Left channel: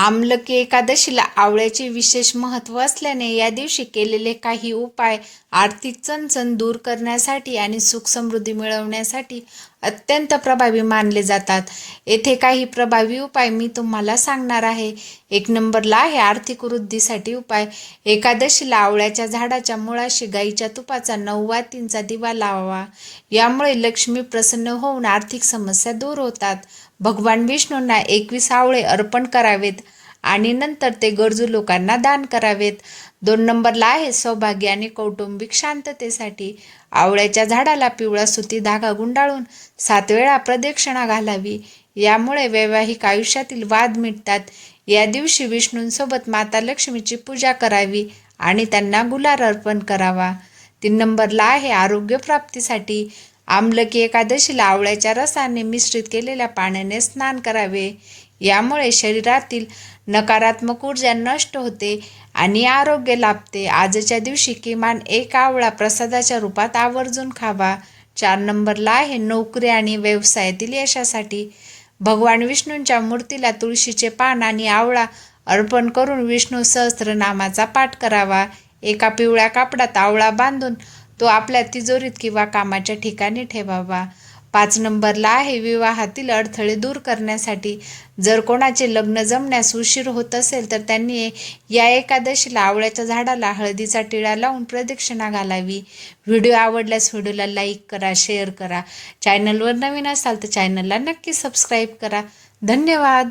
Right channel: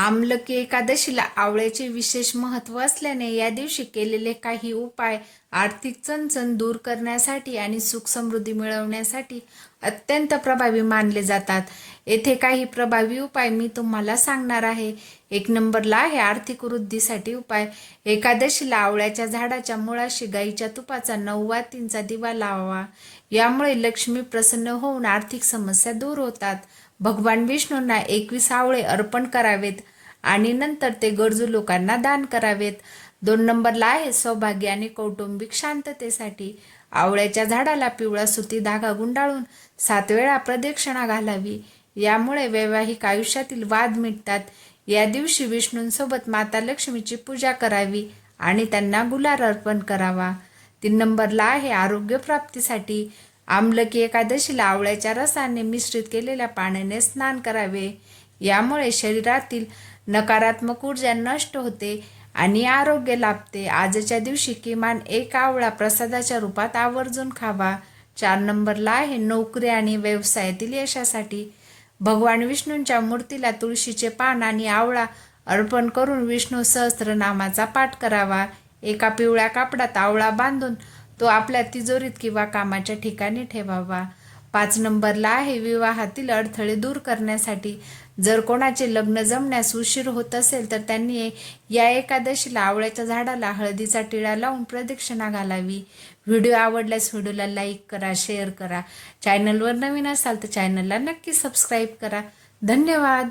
आमलकी एकादशीला आवळ्याचे विशेष महत्त्व असल्याने या दिवशी केलेले काही उपाय आर्थिक चणचण दूर करण्यासाठी आणि सुख समृद्धी मिळवण्यासाठी अत्यंत प्रभावी मानले जातात. येथे काही प्रभावी उपाय मी तुम्हाला सांगणार आहे. 1 नंबरला आहे आर्थिक वृद्धीसाठी उपाय. एकादशीला आवळ्याच्या झाडाच्या मुळाशी गाईच्या तुपाचा 9 वातींचा दिवा लावावा. यामुळे लक्ष्मी प्रसन्न होऊन आर्थिक समस्या दूर होतात. भगवान विष्णूंना 21 आवळे अर्पण करावेत आणि नंतर ते गरजू लोकांना दान करावेत. 2 नंबरला आहे सौभाग्य आणि कौटुंबिक शांततेसाठी. आवळ्याच्या झाडाला पिवळा सुती धागा गुंडाळून 7 वेळा प्रदक्षिणा घालावी. यामुळे वैवाहिक आयुष्यातील वाद मिटतात. या दिवशी विष्णूंसोबत माता लक्ष्मीची पूजा करावी आणि त्यांना गुलाल अर्पण करावा. 3 नंबरला आहे आरोग्य प्राप्तीसाठी. आमलकी एकादशीला आवळ्याच्या रसाने मिश्रित केलेल्या पाण्याने स्नान करावे. यामुळे शरीरातील नकारात्मक ऊर्जा नष्ट होते आणि आरोग्य लाभते. आजच्या दिवशी किमान 1 आवळा प्रसादाच्या रूपात आवर्जून खावा. 4 नंबरला आहे नोकरी आणि व्यवसायातील यशासाठी. भगवान विष्णूंच्या मूर्तीला तुळशीचे पान आणि आवळा अर्पण करून विष्णू सहस्त्रनामाचा पाठ करावा. एका पिवळ्या कापडात आवळा बांधून तो आपल्या तिजोरीत किंवा कामाच्या ठिकाणी ठेवावा. 5 नंबरला आहे विवाहातील अडथळे दूर करण्यासाठी. जर कोणाचे लग्न जमण्यास उशीर होत असेल तर त्यांनी या एकादशीला आवळ्याच्या झाडाला हळदीचा टिळा लावून प्रदक्षिणा घालावी. व्हिडिओ आवडल्यास व्हिडिओला लाईक करा, शेअर करा. चॅनलवर नवीन असाल तर चॅनलला नक्की सबस्क्राईब करा. धन्यवाद.